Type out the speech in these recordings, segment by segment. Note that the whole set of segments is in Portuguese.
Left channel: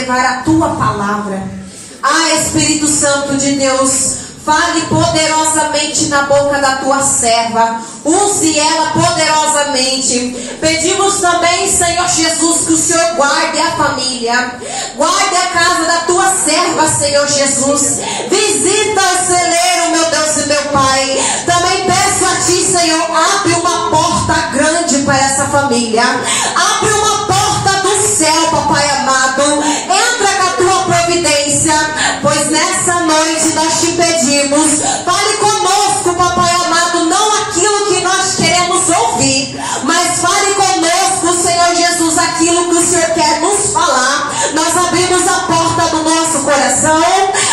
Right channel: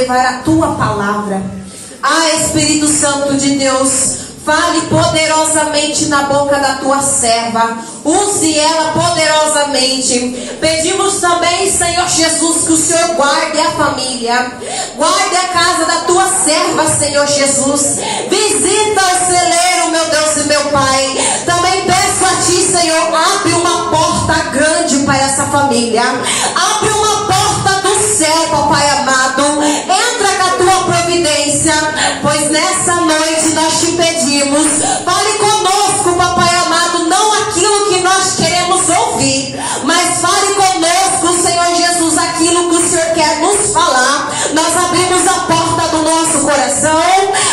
levar a tua palavra. Ah, Espírito Santo de Deus, fale poderosamente na boca da tua serva. Use ela poderosamente. Pedimos também, Senhor Jesus, que o Senhor guarde a família, guarde a casa da tua serva, Senhor Jesus. Visita o celeiro, meu Deus e meu Pai. Também peço a ti, Senhor, abre uma porta grande para essa família. Abre uma porta do céu, papai amado. Entra com a tua providência, pois nessa noite nós te pedimos. Fale conosco, papai amado, não aquilo que nós queremos ouvir, mas fale conosco, Senhor Jesus, aquilo que o Senhor quer nos falar. Nós abrimos a porta do nosso coração,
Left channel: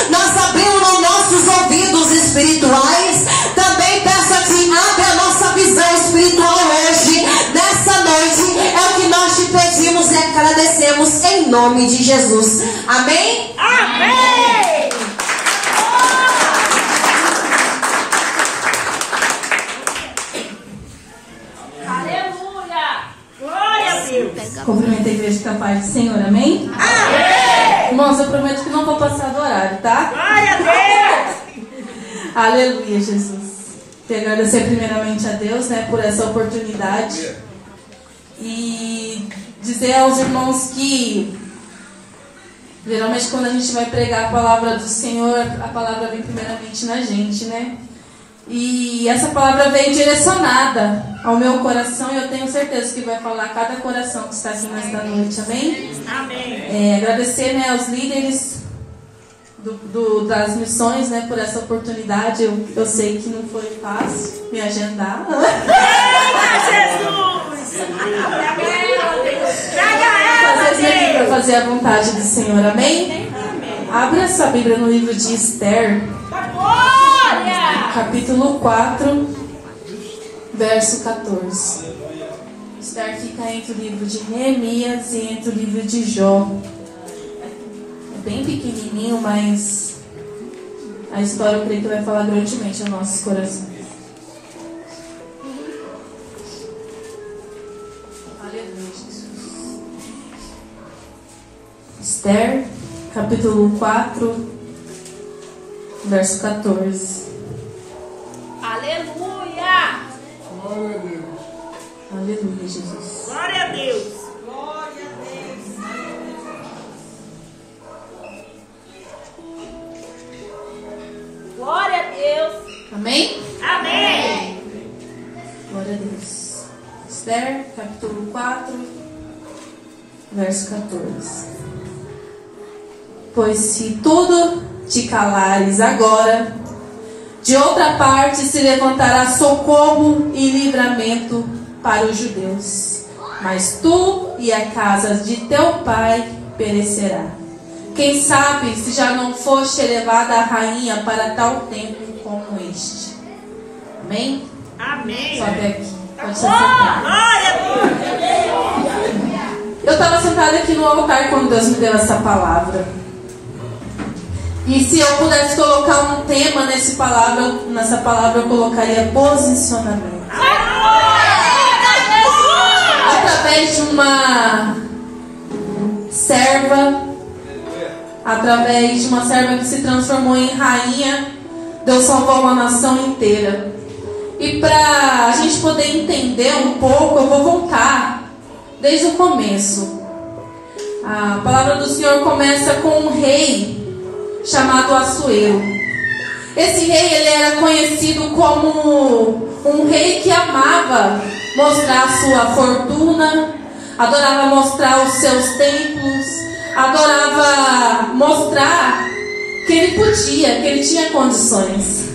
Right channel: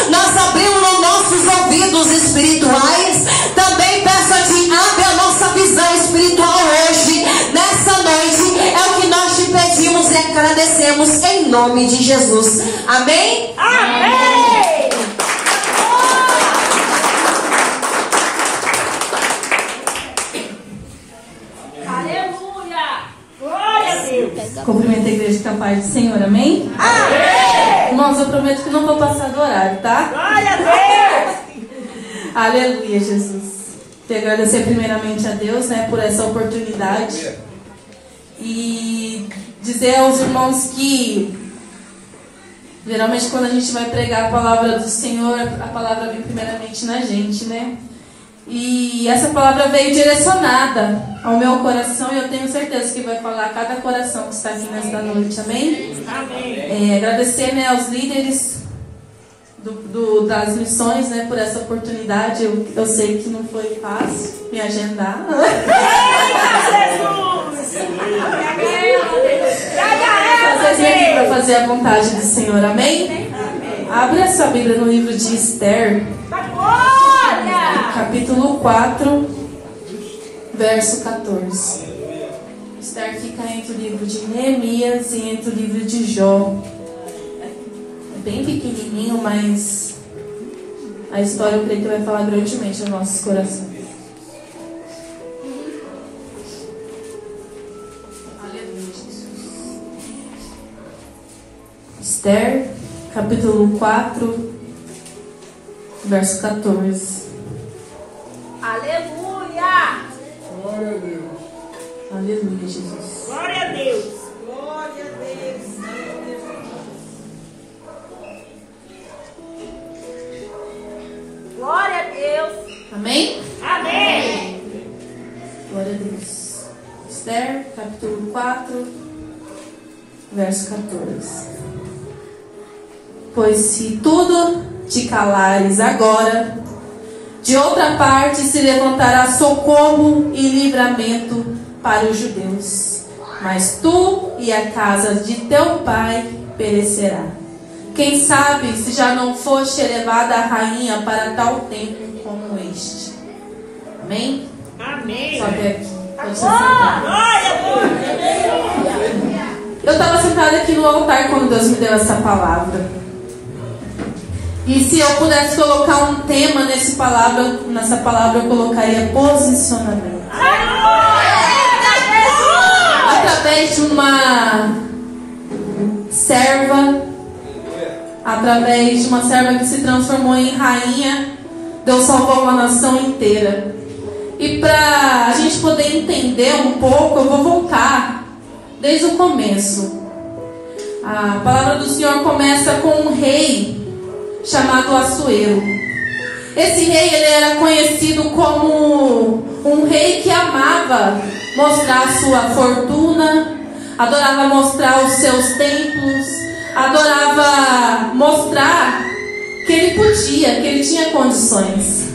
nós abrimos os nossos ouvidos espirituais. Também peço a ti, abre a nossa visão espiritual hoje, nessa noite. É o que nós te pedimos e agradecemos em nome de Jesus. Amém? Amém! Cumprimento a igreja com a paz do Senhor, amém? Amém! Irmãos, eu prometo que não vou passar do horário, tá? Glória a Deus! Aleluia, Jesus. Quero agradecer primeiramente a Deus, né, por essa oportunidade. E dizer aos irmãos que geralmente quando a gente vai pregar a palavra do Senhor, a palavra vem primeiramente na gente, né? E essa palavra veio direcionada ao meu coração e eu tenho certeza que vai falar a cada coração que está aqui nesta noite, amém? Amém. Agradecer, né, aos líderes das missões, né, por essa oportunidade. Eu sei que não foi fácil me agendar. Eita, Jesus! Para fazer a vontade do Senhor, amém? Abre essa Bíblia no livro de Esther, capítulo 4, verso 14. Esther fica entre o livro de Neemias e entre o livro de Jó. É bem pequenininho, mas a história eu creio que vai falar grandemente aos nossos corações. Aleluia, Jesus. Esther, capítulo 4, verso 14. Aleluia! Glória a Deus. Aleluia, Jesus. Glória a Deus! Glória a Deus. Glória a Deus! Amém? Amém! Glória a Deus. Esther, capítulo 4, verso 14. Pois se tudo te calares agora, de outra parte se levantará socorro e livramento para os judeus, mas tu e a casa de teu pai perecerá. Quem sabe se já não foste elevada a rainha para tal tempo como este. Amém? Amém! Sobe aqui. Pode se sentar. Glória a Deus! Eu estava sentada aqui no altar quando Deus me deu essa palavra. E se eu pudesse colocar um tema nessa palavra eu colocaria posicionamento. Através de uma serva, que se transformou em rainha, Deus salvou uma nação inteira. E para a gente poder entender um pouco, eu vou voltar desde o começo. A palavra do Senhor começa com um rei chamado Assuero. Esse rei, ele era conhecido como um rei que amava mostrar a sua fortuna, adorava mostrar os seus templos, adorava mostrar que ele podia, que ele tinha condições.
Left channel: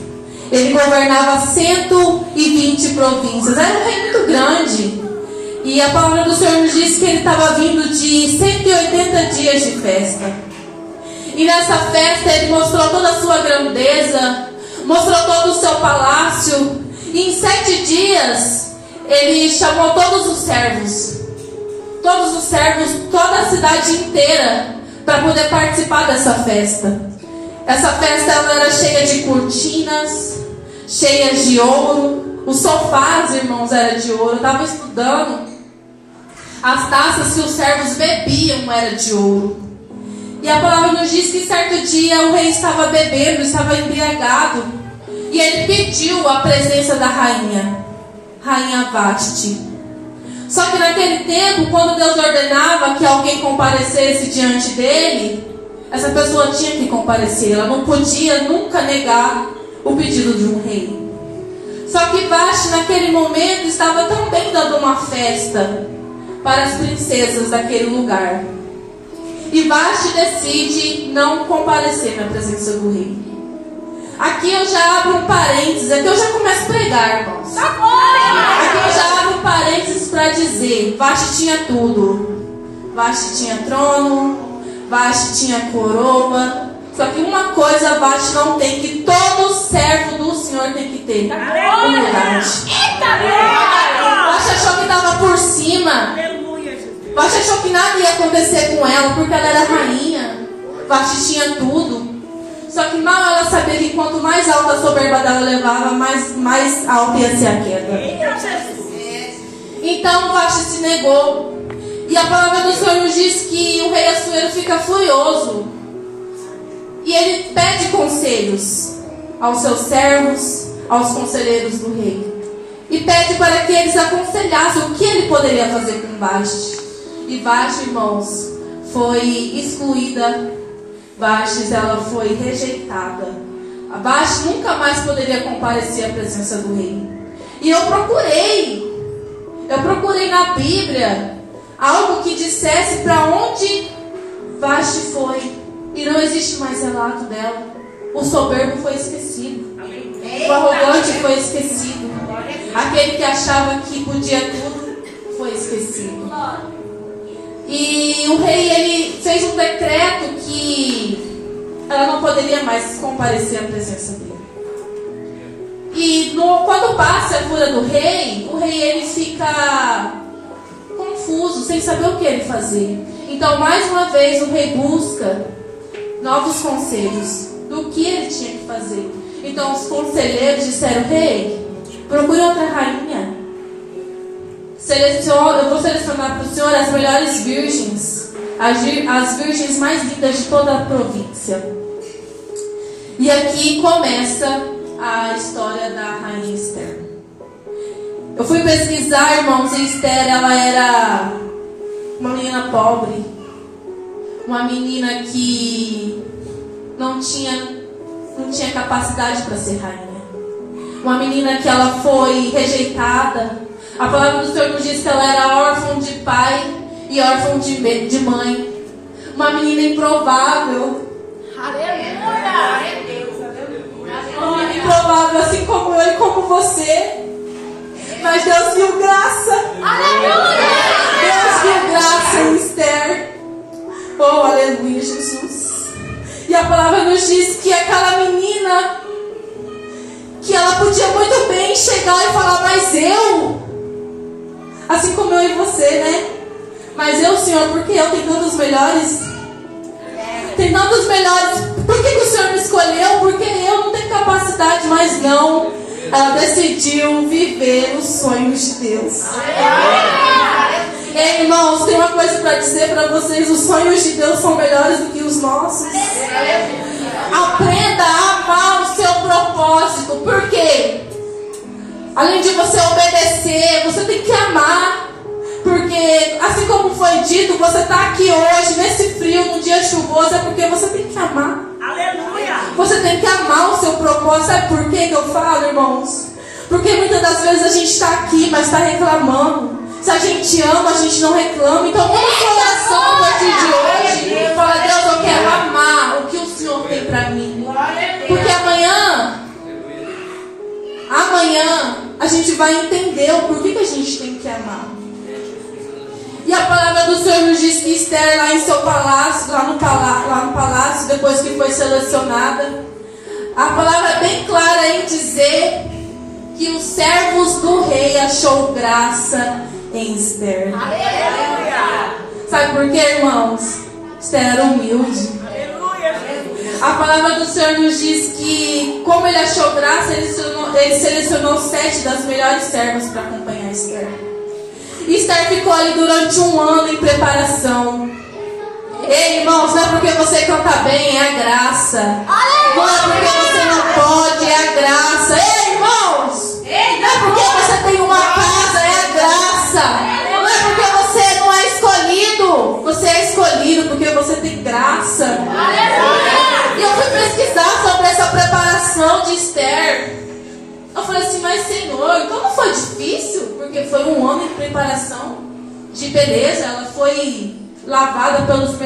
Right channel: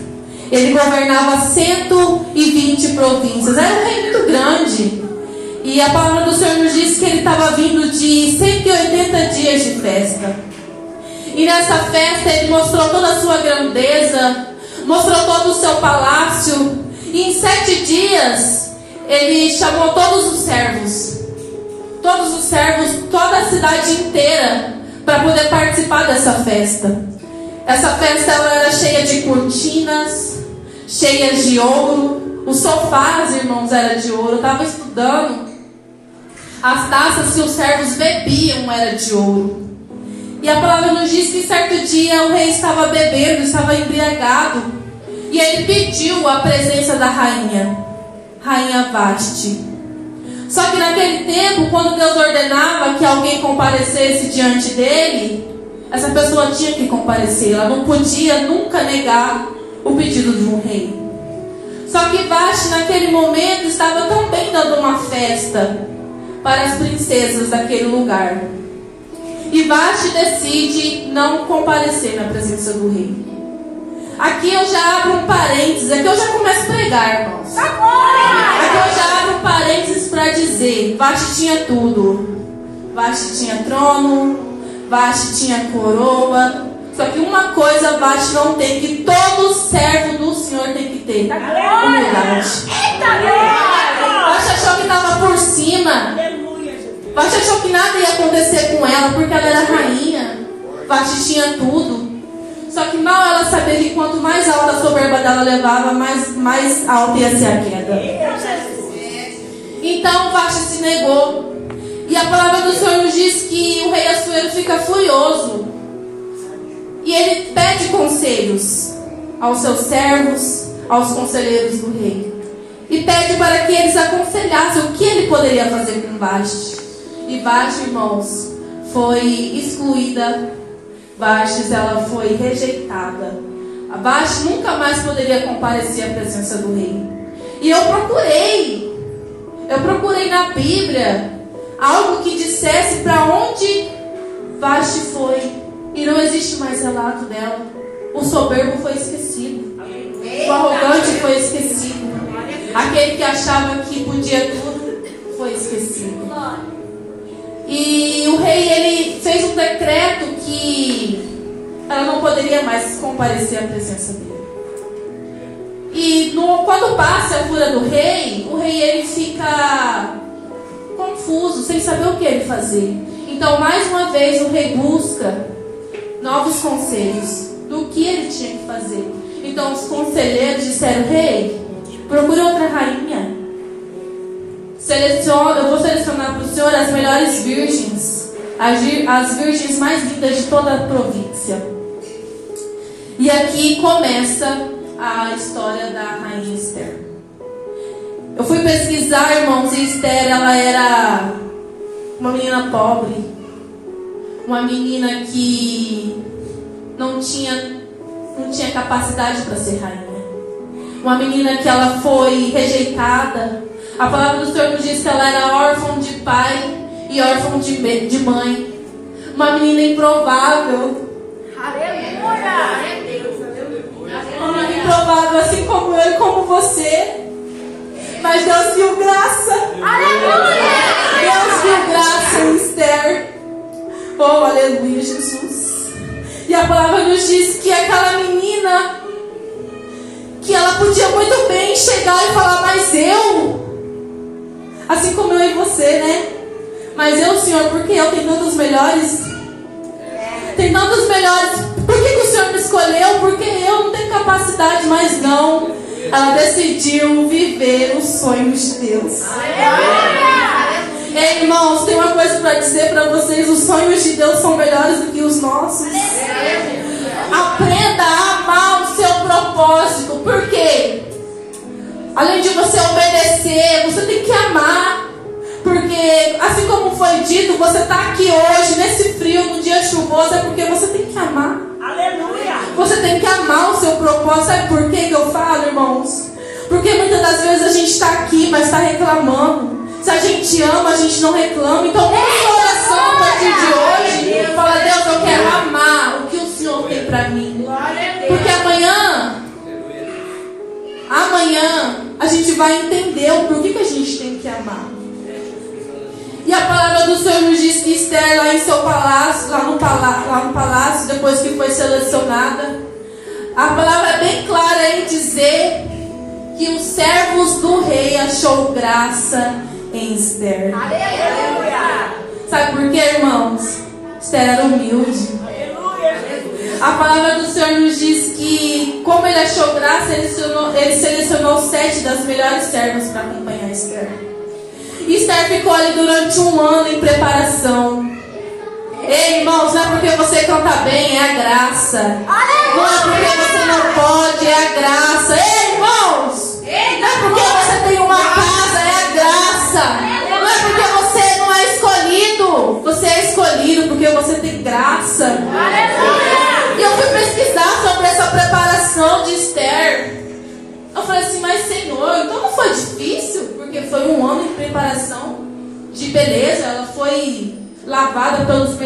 Ele governava 120 províncias, era um rei muito grande. E a palavra do Senhor nos diz que ele estava vindo de 180 dias de festa. E nessa festa ele mostrou toda a sua grandeza, mostrou todo o seu palácio. E em 7 dias ele chamou todos os servos, toda a cidade inteira, para poder participar dessa festa. Essa festa ela era cheia de cortinas, cheias de ouro. Os sofás, irmãos, eram de ouro. Eu estava estudando. As taças que os servos bebiam eram de ouro. E a palavra nos diz que certo dia o rei estava bebendo, estava embriagado. E ele pediu a presença da rainha Vasti. Só que naquele tempo, quando Deus ordenava que alguém comparecesse diante dele, essa pessoa tinha que comparecer. Ela não podia nunca negar o pedido de um rei. Só que Vasti naquele momento estava também dando uma festa para as princesas daquele lugar. E Vasti decide não comparecer na presença do rei. Aqui eu já abro um parênteses, aqui eu já começo a pregar, irmãos. Aqui eu já abro um parênteses para dizer: Vasti tinha tudo. Vasti tinha trono, Vasti tinha coroa. Só que uma coisa Vasti não tem, que todo servo do Senhor tem que ter: humildade. Vasti achou que estava por cima. Vasti achou que nada ia acontecer com ela, porque ela era rainha. Vasti tinha tudo. Só que mal ela sabia que quanto mais alta a soberba dela levava, mais alta ia ser a queda. Então Vasti se negou. E a palavra do Senhor nos diz que o rei Assuero fica furioso. E ele pede conselhos aos seus servos, aos conselheiros do rei. E pede para que eles aconselhassem o que ele poderia fazer com Vasti. E Vasti, irmãos, foi excluída. Vasti, ela foi rejeitada. A Vasti nunca mais poderia comparecer à presença do rei. E eu procurei na Bíblia algo que dissesse para onde Vasti foi. E não existe mais relato dela. O soberbo foi esquecido. O arrogante foi esquecido. Aquele que achava que podia tudo foi esquecido. E o rei, ele fez um decreto que ela não poderia mais comparecer à presença dele. E quando passa a fúria do rei, o rei ele fica confuso, sem saber o que ele fazer. Então, mais uma vez, o rei busca novos conselhos do que ele tinha que fazer. Então, os conselheiros disseram: rei, procure outra rainha. Eu vou selecionar para o senhor as melhores virgens, as virgens mais lindas de toda a província. E aqui começa a história da rainha Esther. Eu fui pesquisar, irmãos, e Esther, ela era uma menina pobre, uma menina que não tinha capacidade para ser rainha, uma menina que ela foi rejeitada. A palavra do Senhor nos diz que ela era órfã de pai e órfã de mãe. Uma menina improvável. Aleluia! Uma menina improvável, assim como eu e como você. Mas Deus viu graça. Aleluia! Deus viu graça em Esther. Oh, aleluia, Jesus. E a palavra nos diz que aquela menina, que ela podia muito bem chegar e falar: mas eu... Assim como eu e você, né? Mas eu, Senhor, porque eu tenho tantos melhores? Tem tantos melhores. Por que o Senhor me escolheu? Porque eu não tenho capacidade, mas não. Ela decidiu viver os sonhos de Deus. Ei, irmãos, tem uma coisa para dizer para vocês: os sonhos de Deus são melhores do que os nossos. Aprenda a amar o seu propósito. Por quê? Além de você obedecer, você tem que amar. Porque, assim como foi dito, você está aqui hoje, nesse frio, num dia chuvoso, é porque você tem que amar. Aleluia! Você tem que amar o seu propósito. Sabe por que eu falo, irmãos? Porque muitas das vezes a gente está aqui, mas está reclamando. Se a gente ama, a gente não reclama. Então, com oração a partir de hoje, fala: Deus, eu quero amar o que o Senhor tem para mim. Porque amanhã a gente vai entender o porquê que a gente tem que amar. E a palavra do Senhor nos diz que Esther, lá em seu palácio, lá no palácio, depois que foi selecionada, a palavra é bem clara em dizer que os servos do rei achou graça em Esther. Aleluia! Sabe por quê, irmãos? Esther era humilde. A palavra do Senhor nos diz que, como ele achou graça, ele selecionou 7 das melhores servas para acompanhar Esther. Esther ficou ali durante um ano em preparação. Ei, irmãos, não é porque você você canta bem, é a graça. Não é porque você não pode, é a graça. Ei, irmãos! Não é porque você tem uma casa, é a graça. Não é porque você não é escolhido. Você é escolhido porque você tem graça. E eu fui pesquisar sobre essa preparação de Esther. Eu falei assim, mas Senhor, então não foi difícil? Porque foi um ano de preparação de beleza. Ela foi lavada pelos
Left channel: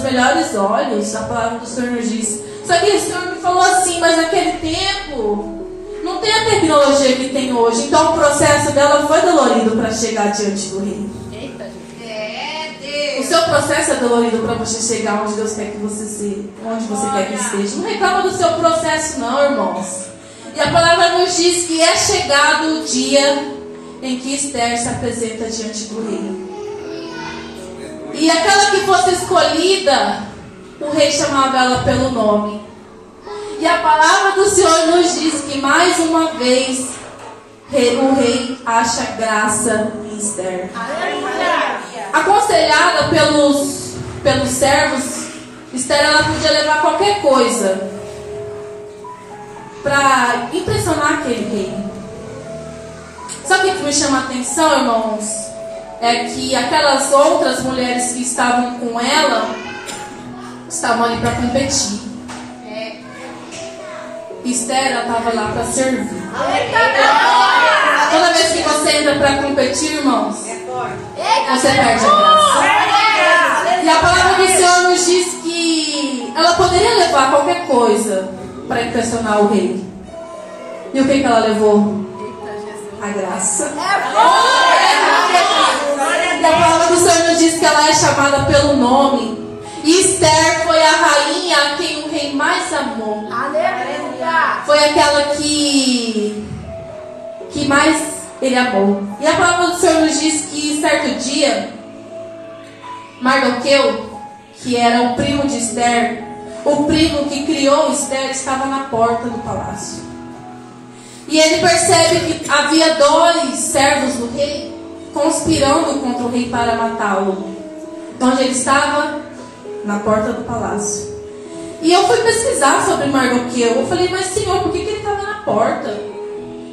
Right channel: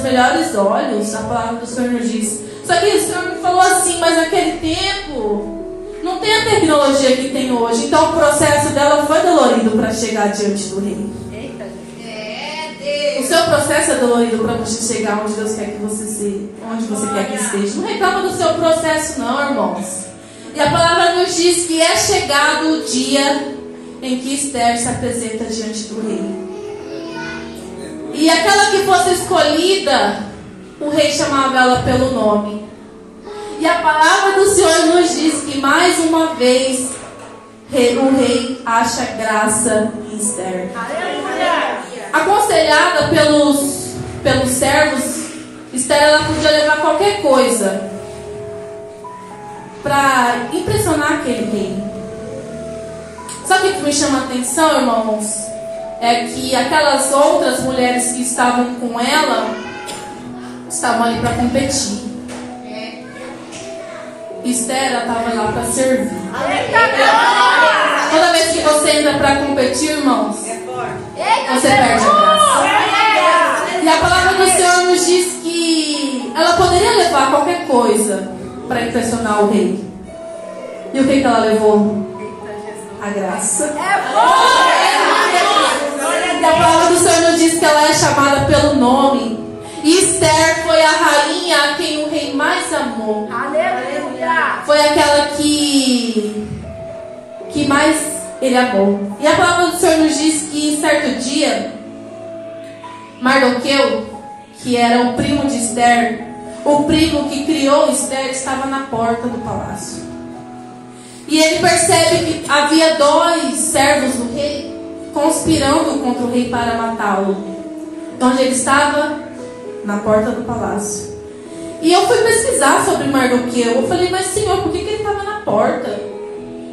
melhores olhos, a palavra do Senhor nos diz. Só que o Senhor me falou assim, mas naquele tempo não tem a tecnologia que tem hoje. Então o processo dela foi dolorido para chegar diante do rei. O seu processo é dolorido para você chegar onde Deus quer que você seja, onde você quer que esteja. Não reclama do seu processo não, irmãos. E a palavra nos diz que é chegado o dia em que Esther se apresenta diante do rei. E aquela que fosse escolhida, o rei chamava ela pelo nome. E a palavra do Senhor nos diz que mais uma vez o rei acha graça em Esther. Aconselhada pelos servos, Esther ela podia levar qualquer coisa para impressionar aquele rei. Só que o que me chama a atenção, irmãos, é que aquelas outras mulheres que estavam com ela estavam ali para competir. Esther estava lá para servir. Toda vez que você entra para competir, irmãos, você perde a graça. E a palavra do Senhor nos diz que ela poderia levar qualquer coisa para impressionar o rei. E o que ela levou? A graça. E a palavra do Senhor nos diz que ela é chamada pelo nome. E Esther foi a rainha a quem o rei mais amou. Foi aquela que mais ele amou. E a palavra do Senhor nos diz que em certo dia, Mardoqueu, que era o primo de Esther, o primo que criou Esther, estava na porta do palácio. E ele percebe que havia 2 servos do rei conspirando contra o rei para matá-lo. Onde ele estava? Na porta do palácio. E eu fui pesquisar sobre Mardoqueu. Eu falei, mas Senhor, por que ele estava na porta?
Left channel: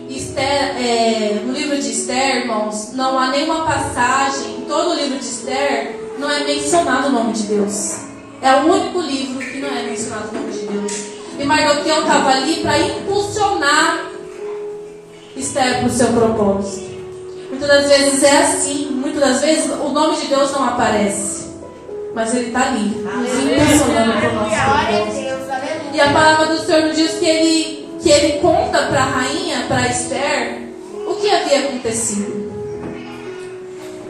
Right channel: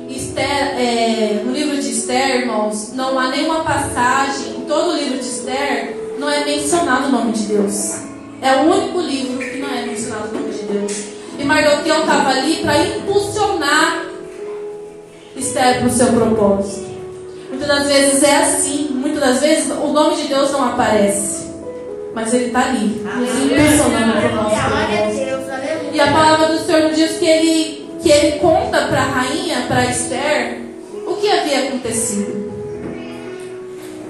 Esther, no livro de Esther, irmãos, não há nenhuma passagem, em todo o livro de Esther, não é mencionado o nome de Deus. É o único livro que não é mencionado o nome de Deus. E Mardoqueu estava ali para impulsionar Esther para o seu propósito. Muitas das vezes é assim. Muitas das vezes o nome de Deus não aparece, mas ele está ali, nos impulsionando para o nosso propósito. E a palavra do Senhor nos diz que ele conta para a rainha, para Esther, o que havia acontecido.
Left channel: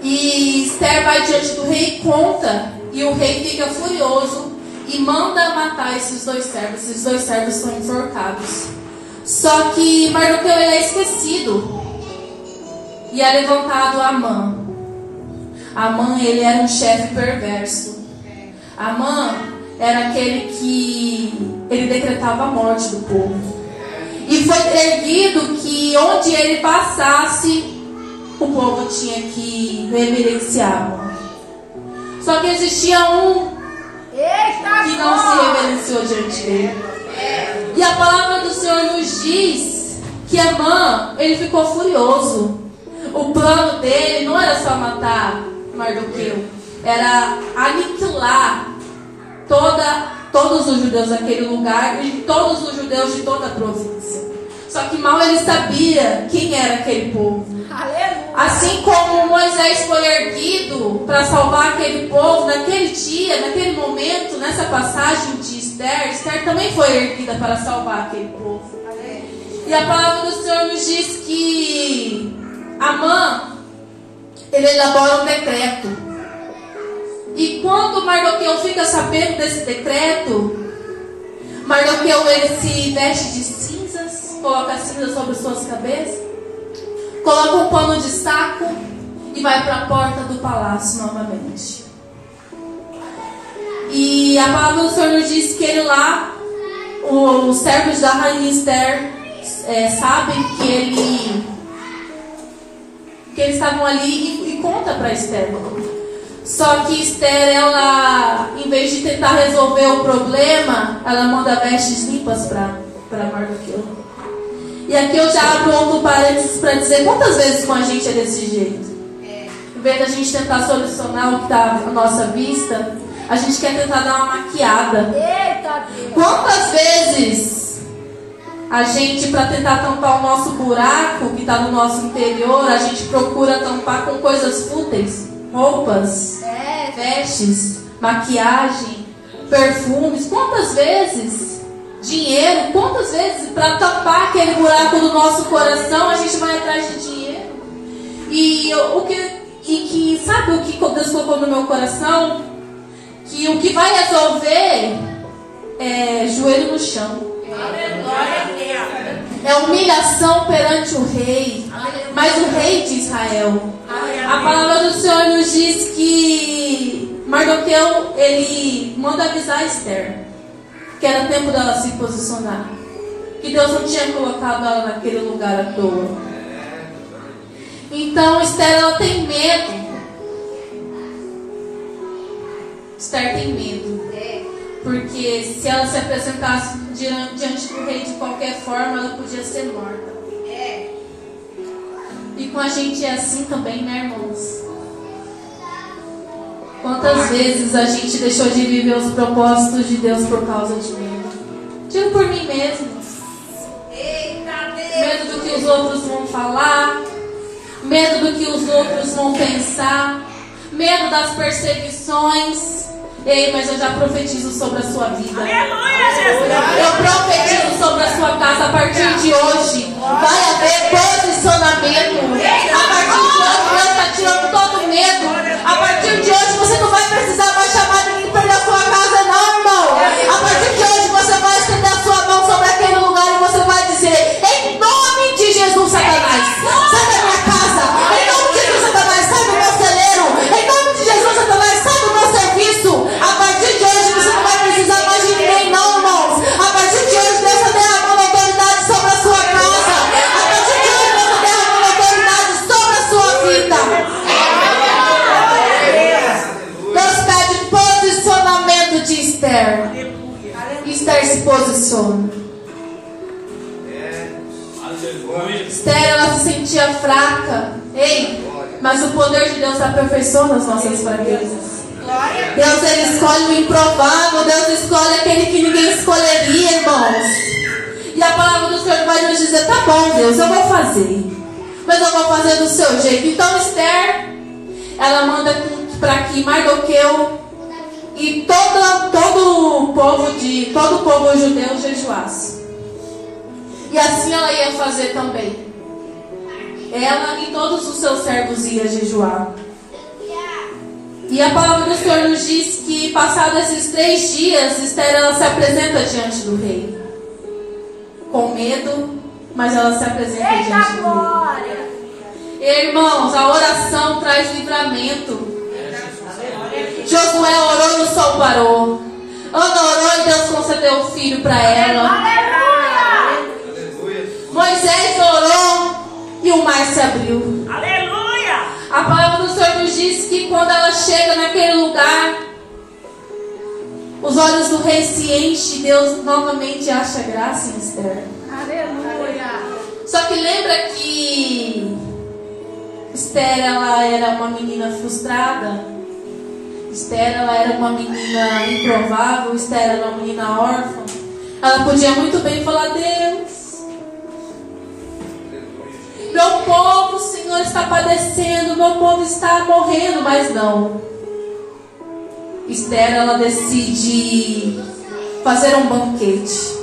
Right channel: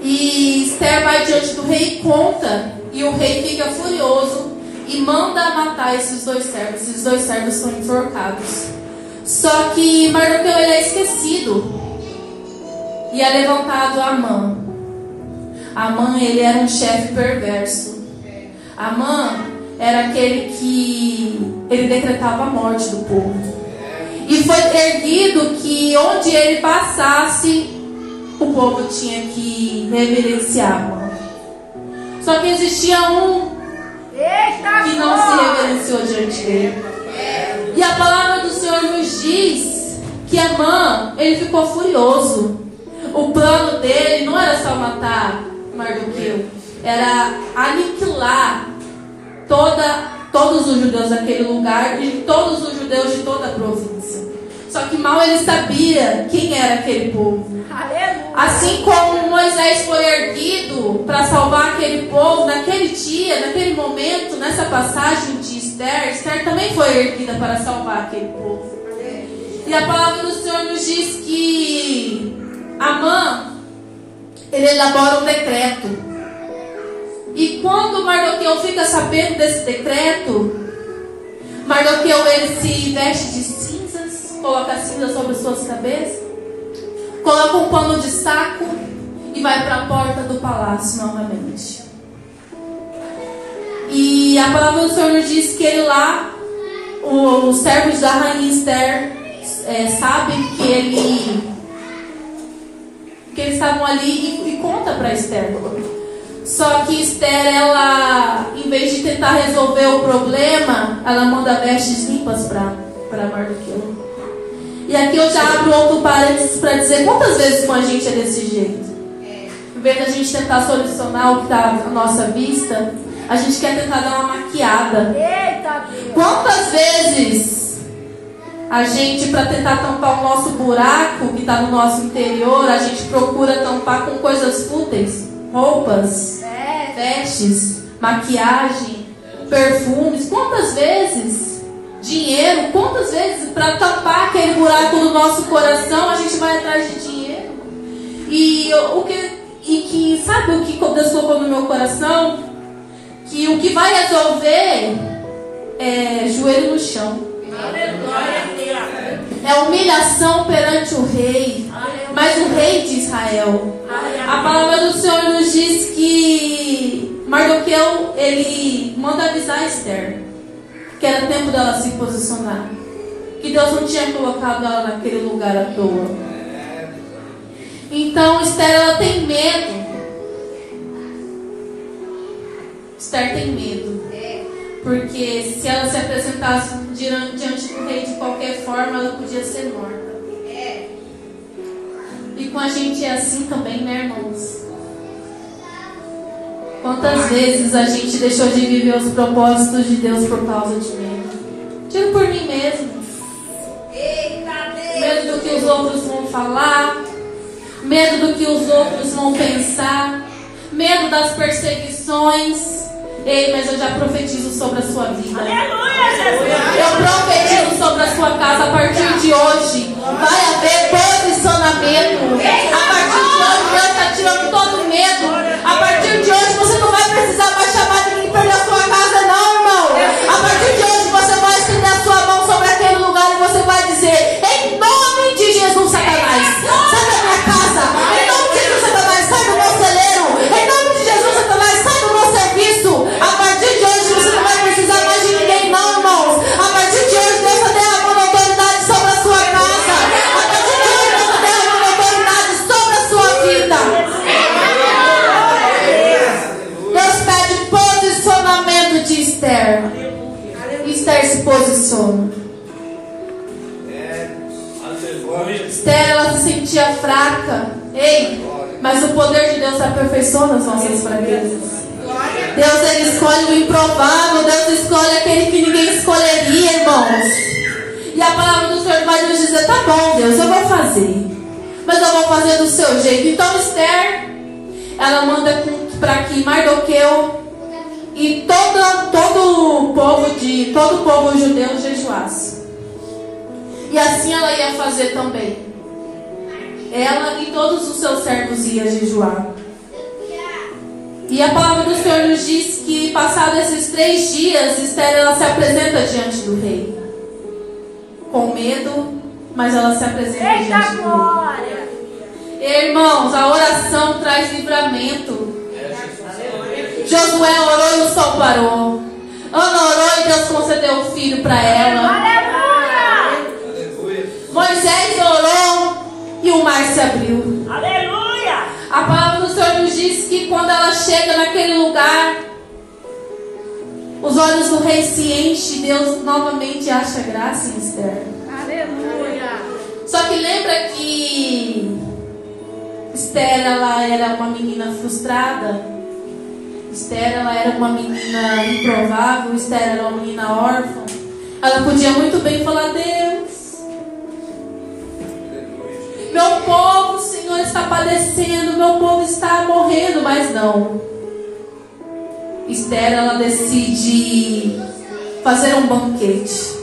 E Esther vai diante do rei e conta, e o rei fica furioso e manda matar esses 2 servos. Esses 2 servos são enforcados. Só que Mardoqueu ele é esquecido e é levantado Amã. Amã ele era um chefe perverso. Amã era aquele que ele decretava a morte do povo. E foi erguido que onde ele passasse, o povo tinha que reverenciar Amã. Só que existia um que não se reverenciou diante dele. E a palavra do Senhor nos diz que Amã, ele ficou furioso. O plano dele não era só matar Mardoqueu, era aniquilar todos os judeus daquele lugar e todos os judeus de toda a província. Só que mal ele sabia quem era aquele povo. Assim como Moisés foi erguido para salvar aquele povo, naquele dia, naquele momento, nessa passagem de Esther também foi erguida para salvar aquele povo. E a palavra do Senhor nos diz que Amã, ele elabora um decreto. E quando Mardoqueu fica sabendo desse decreto, Mardoqueu ele se veste de cinzas, coloca cinzas sobre suas cabeças, coloca um pano de saco e vai para a porta do palácio novamente. E a palavra do Senhor nos diz que ele lá, os servos da rainha Esther sabem que eles estavam ali e conta para Esther. Só que Esther, ela, em vez de tentar resolver o problema, ela manda vestes limpas para Mardoqueu. E aqui eu já abro outro parênteses para dizer quantas vezes com a gente é desse jeito. Em vez de a gente tentar solucionar o que está à nossa vista, a gente quer tentar dar uma maquiada. Quantas vezes a gente, para tentar tampar o nosso buraco que está no nosso interior, a gente procura tampar com coisas fúteis, roupas, vestes, maquiagem, perfumes. Quantas vezes dinheiro, quantas vezes para tampar aquele buraco do nosso coração a gente vai atrás de dinheiro? E sabe o que Deus colocou no meu coração? Que o que vai resolver é joelho no chão. É humilhação perante o rei, mas o rei de Israel. A palavra do Senhor nos diz que Mardoqueu, ele manda avisar Esther que era tempo dela se posicionar, que Deus não tinha colocado ela naquele lugar à toa. Então Esther, ela tem medo. Esther tem medo, porque se ela se apresentasse diante do rei de qualquer forma, ela podia ser morta. E com a gente é assim também, né, irmãos? Quantas vezes a gente deixou de viver os propósitos de Deus por causa de medo? Digo por mim mesmo. Medo do que os outros vão falar, medo do que os outros vão pensar, medo das perseguições. Ei, mas eu já profetizo sobre a sua vida. Aleluia, Jesus. Eu profetizo sobre a sua casa. A partir de hoje vai haver posicionamento. A partir de hoje Deus está tirando todo o medo. A partir de hoje você não vai precisar mais chamar ninguém para perder a sua casa, não, irmão. A partir de hoje você vai estender a sua mão sobre aquele lugar e você vai dizer: em nome de Jesus, Satanás, sai da minha casa. Em nome de Jesus, Satanás, sai do meu celeiro. Em nome de Jesus, Satanás, sai do meu serviço. A partir de hoje você não vai precisar mais de ninguém, não, irmãos. A partir de hoje Deus está derramando autoridade sobre a sua casa. A partir de hoje Deus está derramando autoridade sobre a sua vida. Deus pede posicionamento de Esther. Esther se posiciona. Esther, ela se sentia fraca. Ei, mas o poder de Deus aperfeiçoa as nossas fraquezas. Deus, ele escolhe o improvável. Deus escolhe aquele que ninguém escolheria, irmãos. E a palavra do Senhor vai nos dizer: tá bom, Deus, eu vou fazer, mas eu vou fazer do seu jeito. Então Esther, ela manda para que Mardoqueu e todo o povo judeu jejuasse. E assim ela ia fazer também. Ela e todos os seus servos iam jejuar. E a palavra do Senhor nos diz que, passados esses 3 dias, Esther, ela se apresenta diante do rei. Com medo, mas ela se apresenta diante do rei. Irmãos, a oração traz livramento. Josué orou e o sol parou. Ana orou e Deus concedeu o filho para ela. Moisés orou e o mar se abriu. Aleluia! A palavra do Senhor nos diz que quando ela chega naquele lugar, os olhos do rei se enchem. Deus novamente acha graça em Esther. Aleluia! Só que lembra que Esther, ela era uma menina frustrada. Esther, ela era uma menina improvável. Esther era uma menina órfã. Ela podia muito bem falar: Deus, meu povo, o Senhor está padecendo, meu povo está morrendo. Mas não. Esther, ela decide fazer um banquete.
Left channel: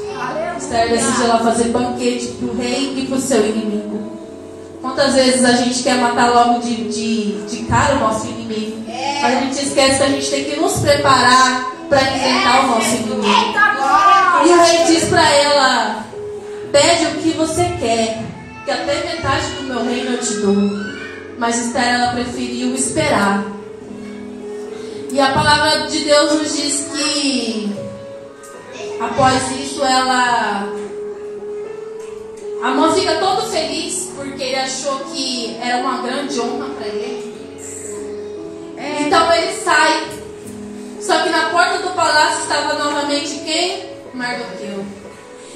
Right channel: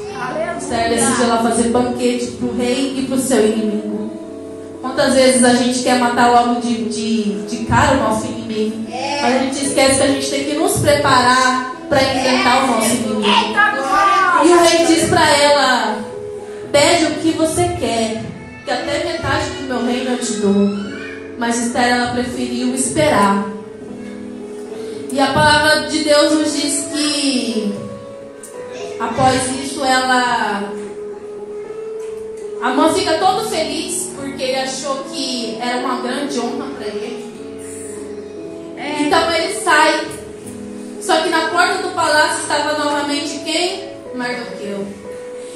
Esther decide ela fazer banquete para o rei e para o seu inimigo. Quantas vezes a gente quer matar logo de cara o nosso inimigo, mas a gente esquece que a gente tem que nos preparar para enfrentar o nosso inimigo. E o rei diz para ela: pede o que você quer, que até metade do meu reino eu te dou. Mas Esther, ela preferiu esperar. E a palavra de Deus nos diz que após isso Amã fica todo feliz porque ele achou que era uma grande honra para ele. E Então ele sai. Só que na porta do palácio estava novamente quem? Mardoqueu.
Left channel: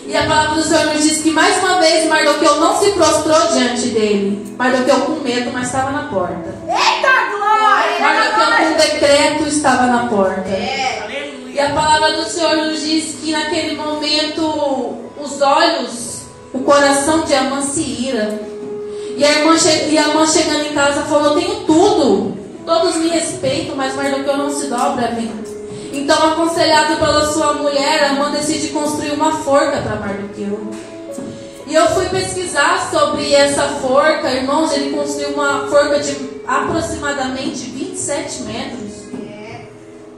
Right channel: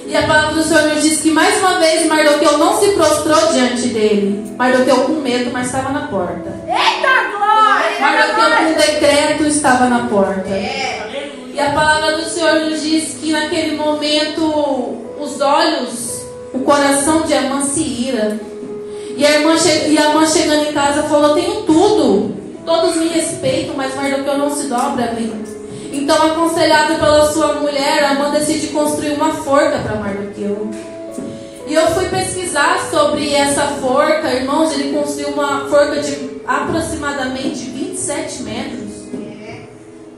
E a palavra do Senhor nos diz que mais uma vez Mardoqueu não se prostrou diante dele. Mardoqueu com medo, mas estava na porta. Eita glória! Mardoqueu com decreto estava na porta. Aleluia. E a palavra do Senhor nos diz que naquele momento os olhos, o coração de Amã se ira. E a irmã chegando em casa falou: tenho tudo, todos me respeitam, mas Mardoqueu não se dobra a mim. Então, aconselhado pela sua mulher, Amã decide construir uma forca para Mardoqueu. E eu fui pesquisar sobre essa forca, irmãos. Ele construiu uma forca de aproximadamente 27 metros.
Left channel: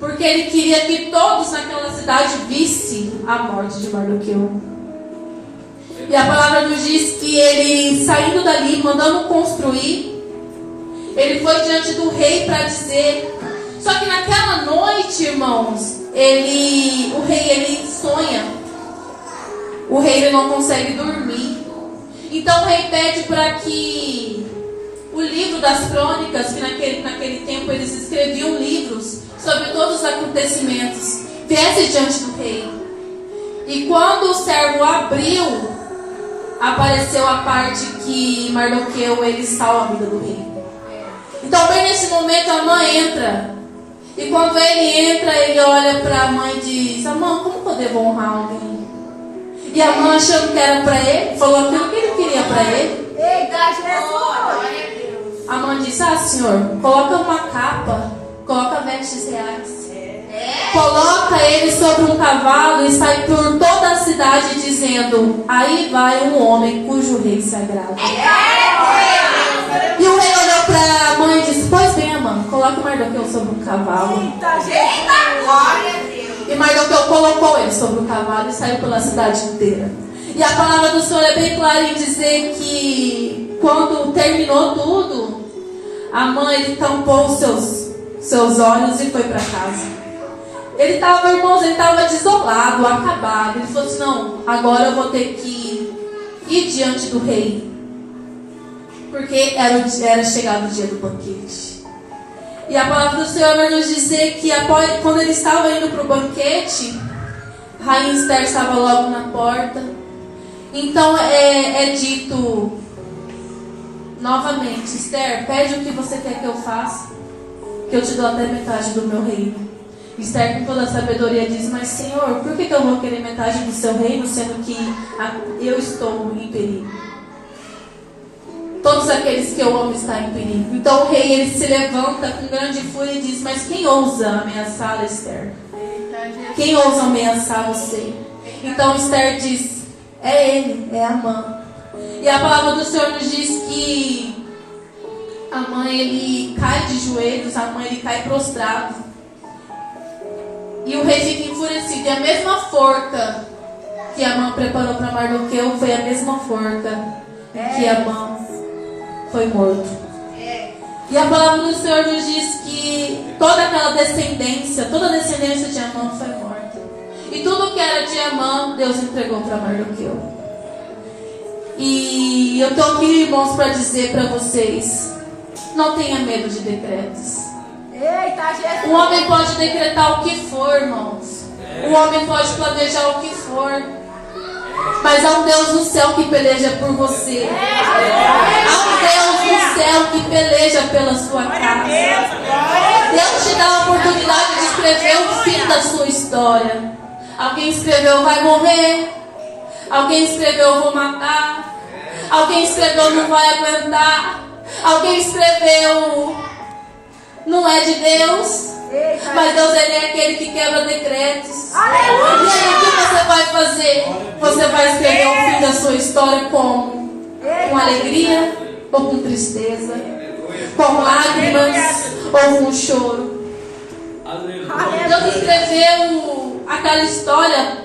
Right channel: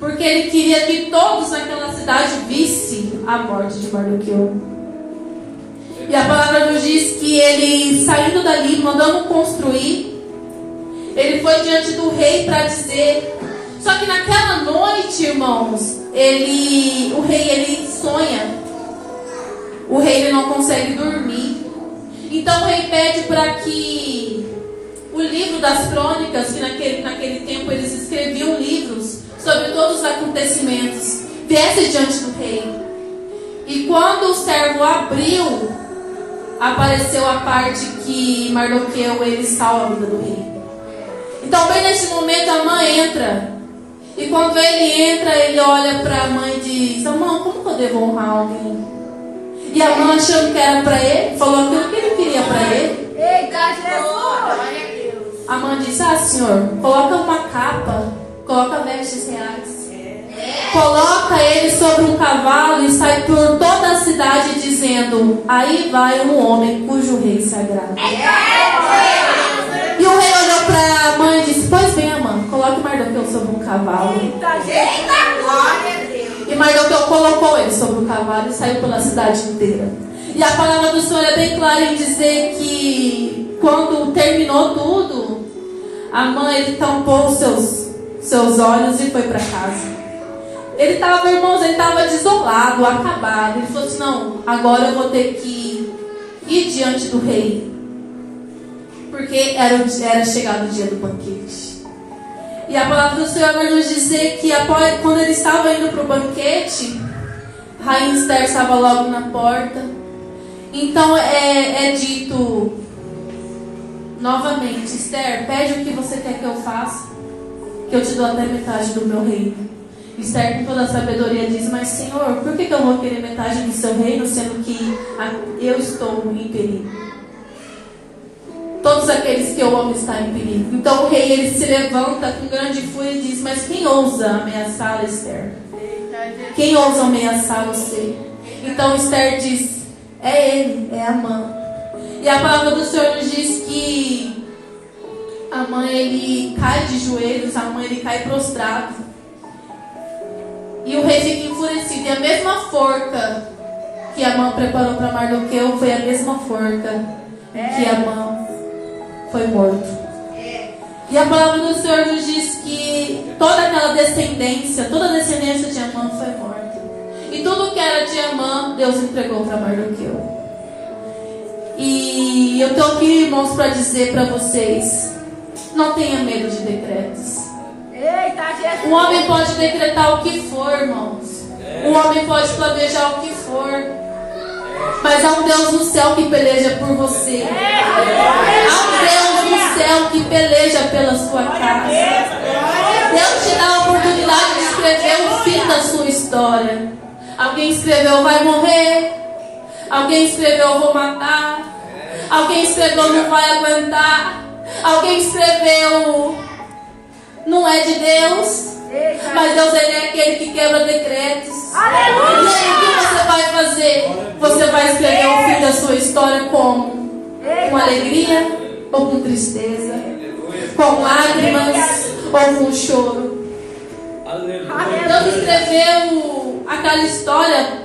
Porque ele queria que todos naquela cidade vissem a morte de Mardoqueu. E a palavra nos diz que ele, saindo dali, mandando construir, ele foi diante do rei para dizer. Só que naquela noite, irmãos, o rei ele sonha. O rei ele não consegue dormir. Então o rei pede para que o livro das crônicas, que naquele tempo eles escreviam livros sobre todos os acontecimentos, viesse diante do rei. E quando o servo abriu, apareceu a parte que Mardoqueu ele salva a vida do rei. Então bem nesse momento a mãe entra. E quando ele entra, ele olha para a mãe e diz: Amã, como que eu devo honrar alguém? E a mãe, achando que era para ele, falou aquilo que ele queria para ele. Eita Jesus! A mãe disse: senhor, coloca uma capa, coloca vestes reais, coloca ele sobre um cavalo e sai por toda a cidade dizendo: aí vai um homem cujo rei se agrada. E o rei olhou para a mãe e disse: pois bem, Amã, coloque Mardoqueu sobre um cavalo. Eita glória a Deus! E Mardoqueu colocou ele sobre o cavalo e saiu pela cidade inteira. E a palavra do Senhor é bem clara em dizer que quando terminou tudo, a mãe ele tampou os seus olhos e foi para casa. Ele estava, irmãos, ele estava desolado, acabado. Ele falou assim: não, agora eu vou ter que ir diante do rei, porque era chegado o dia do banquete. E a palavra do Senhor vai nos dizer que quando ele estava indo para o banquete, Rainha Esther estava logo na porta. Então é dito novamente: Esther, pede o que você quer que eu faça, que eu te dou até metade do meu reino. Esther, com toda a sabedoria, diz: mas Senhor, por que eu vou querer metade do seu reino, sendo que eu estou em perigo? Todos aqueles que eu amo estão em perigo. Então o rei ele se levanta com grande fúria e diz: mas quem ousa ameaçar Esther? Quem ousa ameaçar você? Então Esther diz: é ele, é Amã. E a palavra do Senhor nos diz que Amã ele cai de joelhos, Amã ele cai prostrado. E o rei fica enfurecido. E a mesma forca que Amã preparou para Mardoqueu foi a mesma forca que Amã foi morto. E a palavra do Senhor nos diz que toda aquela descendência, toda a descendência de Amã foi morta. E tudo que era de Amã, Deus entregou para Mardoqueu. E eu estou aqui, irmãos, para dizer para vocês: não tenha medo de decretos. Eita Jesus! O homem pode decretar o que for, irmãos. O homem pode planejar o que for. Mas há um Deus no céu que peleja por você. Há um Deus no céu que peleja pela sua casa. Deus te dá a oportunidade de escrever o fim da sua história. Alguém escreveu: vai morrer. Alguém escreveu: vou matar. Alguém escreveu: não vai aguentar. Alguém escreveu: não é de Deus. Mas Deus ele é aquele que quebra decretos. E aí o que você vai fazer? Você vai escrever o fim da sua história como? Com alegria ou com tristeza? Com lágrimas ou com choro? Deus escreveu aquela história,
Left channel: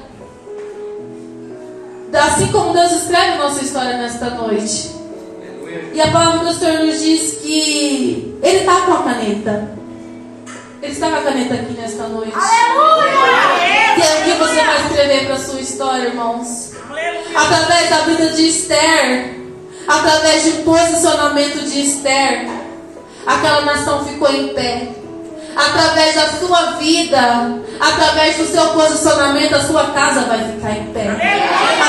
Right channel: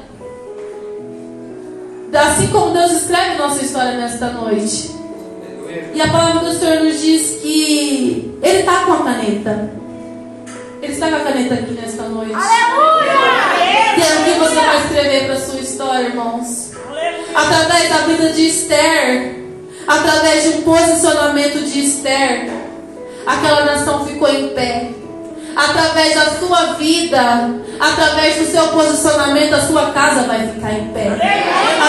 assim como Deus escreve nossa história nesta noite. E a palavra do Senhor nos diz que Ele está com a caneta. Ele está com a caneta aqui nesta noite. E é o que você vai escrever para a sua história, irmãos. Através da vida de Esther, através de um posicionamento de Esther, aquela nação ficou em pé. através da sua vida, através do seu posicionamento, a sua casa vai ficar em pé.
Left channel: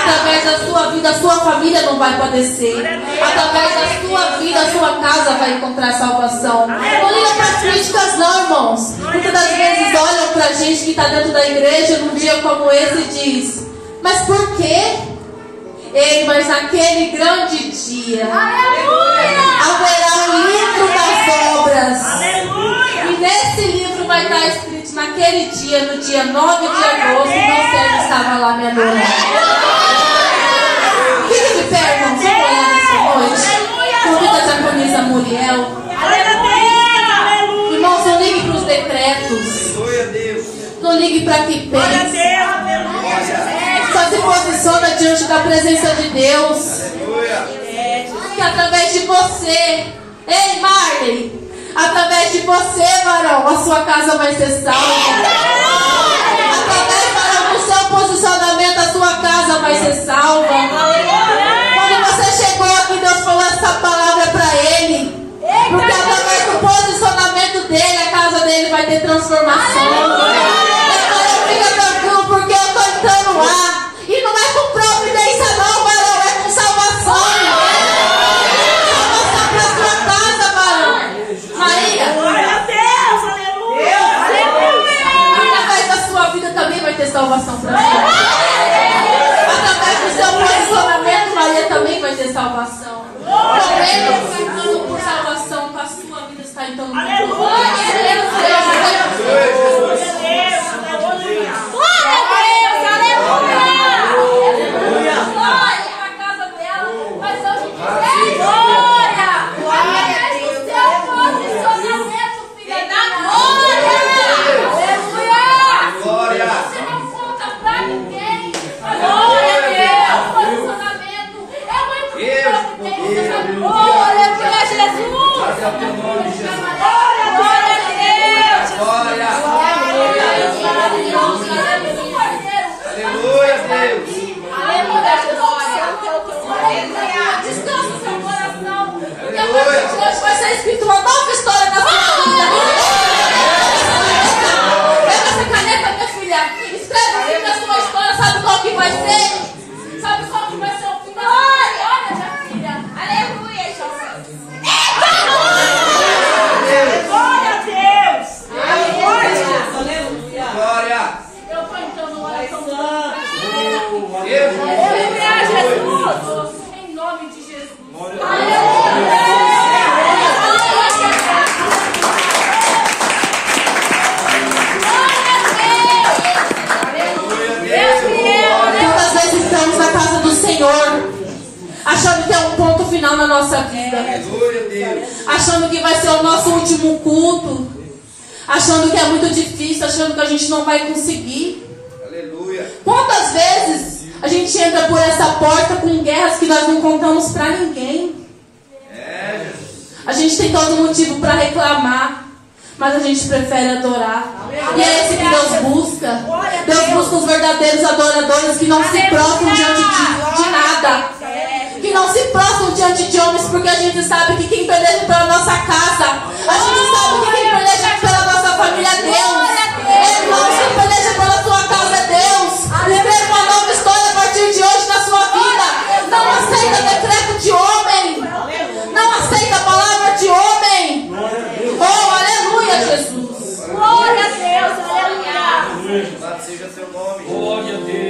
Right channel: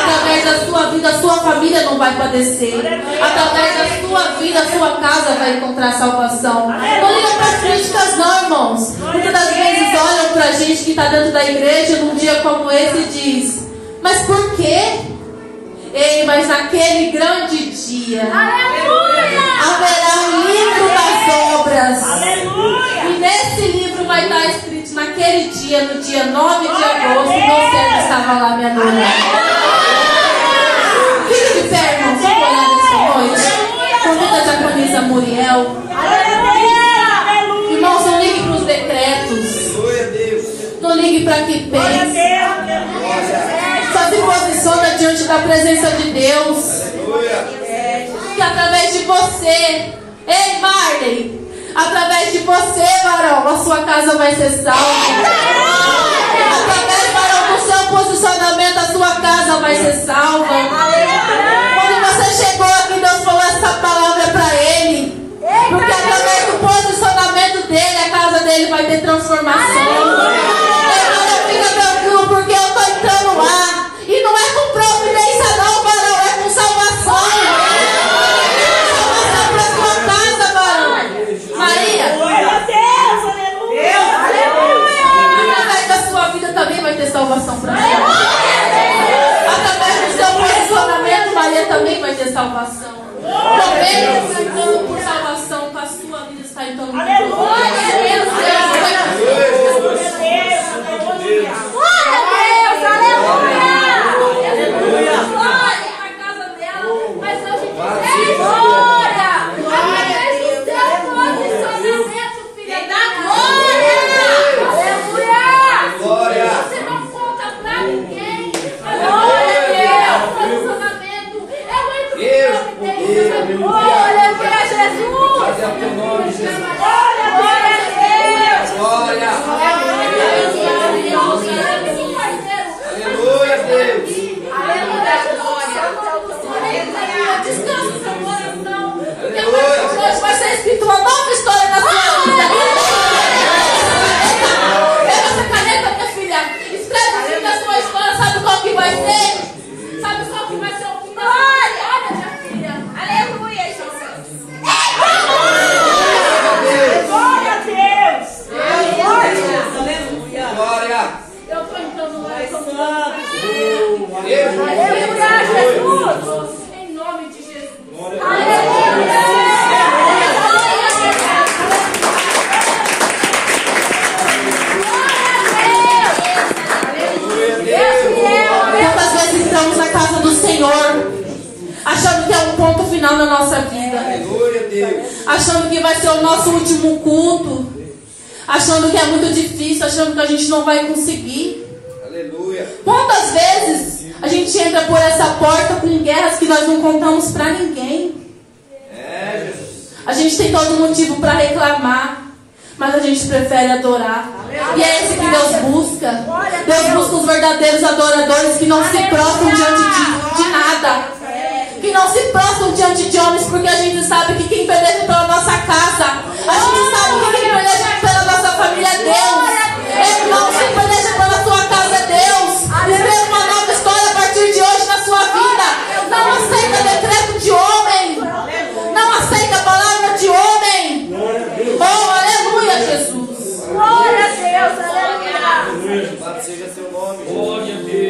Através da sua vida, a sua família não vai padecer. Através da sua vida, a sua casa vai encontrar salvação. Não liga para as críticas não, irmãos. Muitas das vezes olham para a gente que está dentro da igreja num dia como esse e diz: mas por quê? Ei, mas naquele grande dia haverá o livro das obras. E nesse livro vai estar escrito: naquele dia, no dia 9 de agosto, meu servo estava lá me adorando. Fique de pé, irmãos, vamos orar nessa noite. Convida a diaconisa Muriel. Irmãos, não ligue para os decretos. Não ligue para que pense. Só se posiciona diante da presença de Deus. Que através de você, ei Marley, através de você, varão, a sua casa vai ser salva. Através, varão, do seu posicionamento, a sua casa vai ser salva. Quando você chegou aqui, Deus falou essa palavra para ele. Porque através do posicionamento dele, a casa dele vai ter transformação. Fica tranquilo, porque eu estou entrando lá. E não é com providência não, varão, é com salvação. Salvação para sua casa, varão. Maria. Glória a Deus, aleluia. Através da sua vida também vai ter salvação para você. Através do seu posicionamento, Maria também vai ter salvação. Também cantando por salvação, para a sua vida está entrando por Aleluia. Glória a Deus. Vai ser escrito uma nova história na sua vida. Pega essa caneta, minha filha. Escreve o fim da sua história. Sabe qual que vai ser? Sabe qual que vai ser o fim da sua história, minha filha? Aleluia, Jesus. Glória a Deus. Aleluia. Eu estou entrando lá. Aleluia, Jesus. Em nome de Jesus. Tantas vezes estamos na casa do Senhor, achando que é um ponto final na nossa vida, achando que vai ser o nosso último culto, achando que é muito difícil, achando que a gente não vai conseguir. Quantas vezes a gente entra por essa porta com guerras que nós não contamos para ninguém? A gente tem todo motivo para reclamar, mas a gente prefere adorar. E é esse que Deus busca. Deus busca os verdadeiros adoradores que não se prostram diante de nada, que não se prostram diante de homens, porque a gente sabe que quem peleja pela nossa casa, a gente sabe que quem peleja pela nossa família é Deus. Irmão, quem peleja pela sua casa é Deus. Escreva uma nova história a partir de hoje na sua vida. Não aceita decreto de homem. Não aceita a palavra de homem. Oh, aleluia, Jesus. Glória a Deus, aleluia. Louvado seja seu nome. Glória a Deus.